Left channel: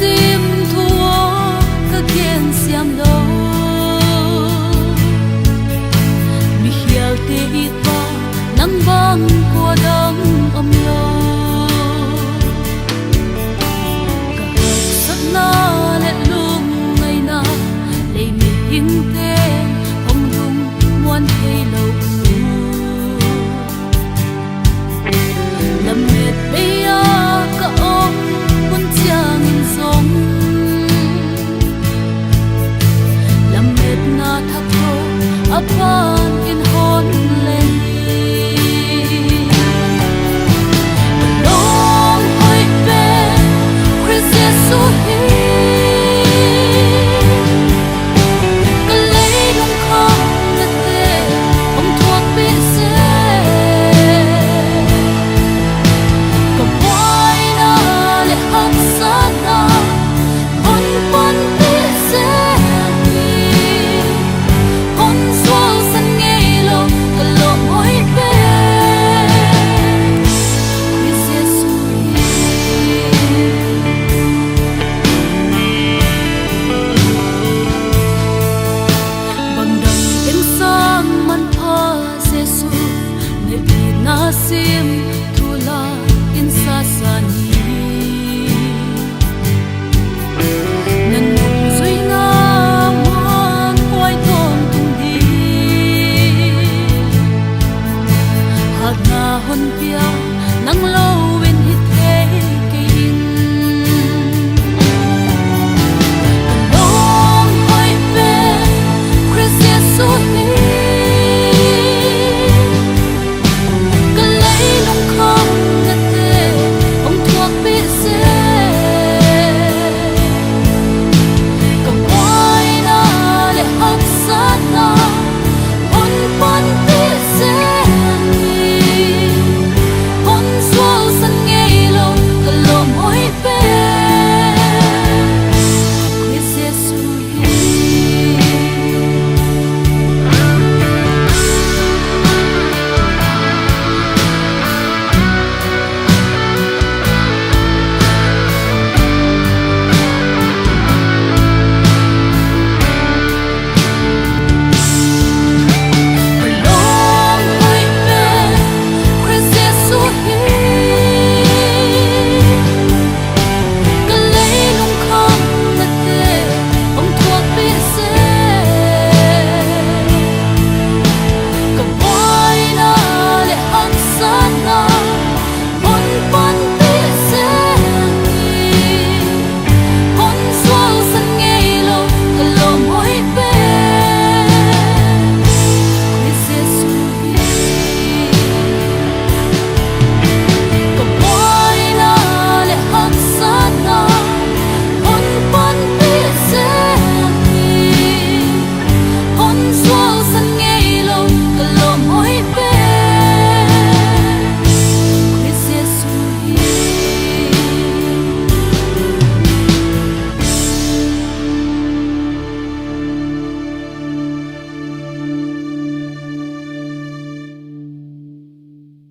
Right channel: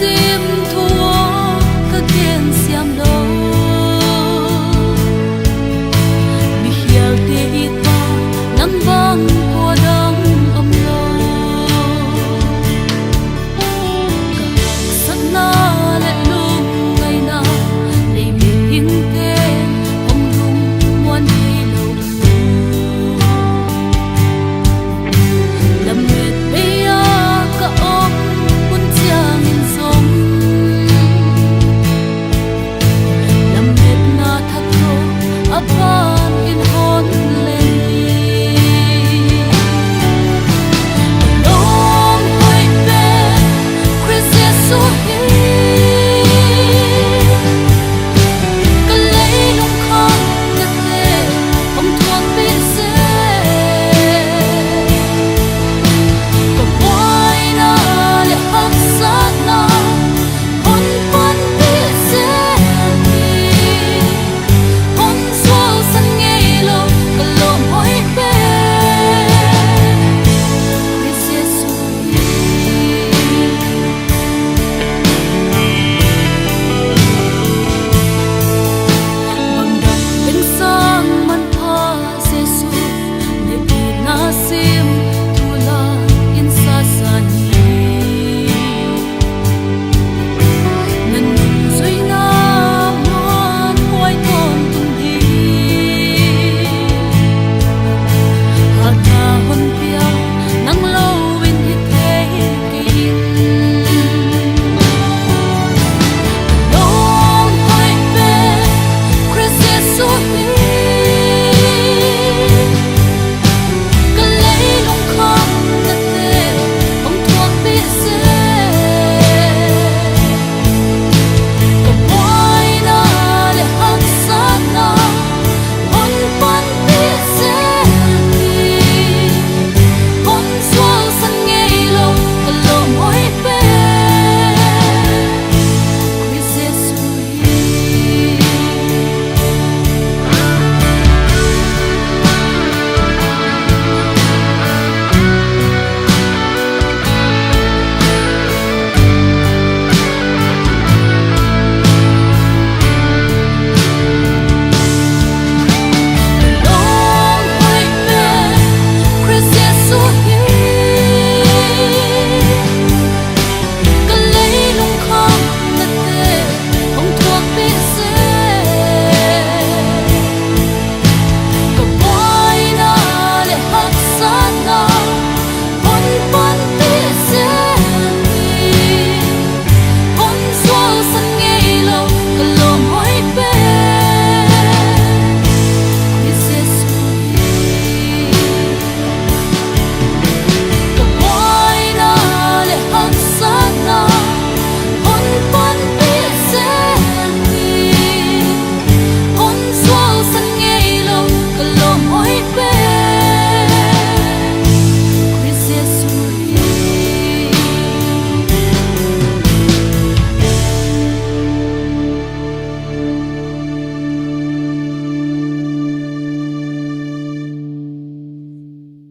sim thua ka ken siam lo mi hial te i ta nang bang kwa dang am lo ka sat na le lung ngai na le mi hing ten hom lung muan thei lo lam met be ya ka om kun chiang in song lam met na thak tho apa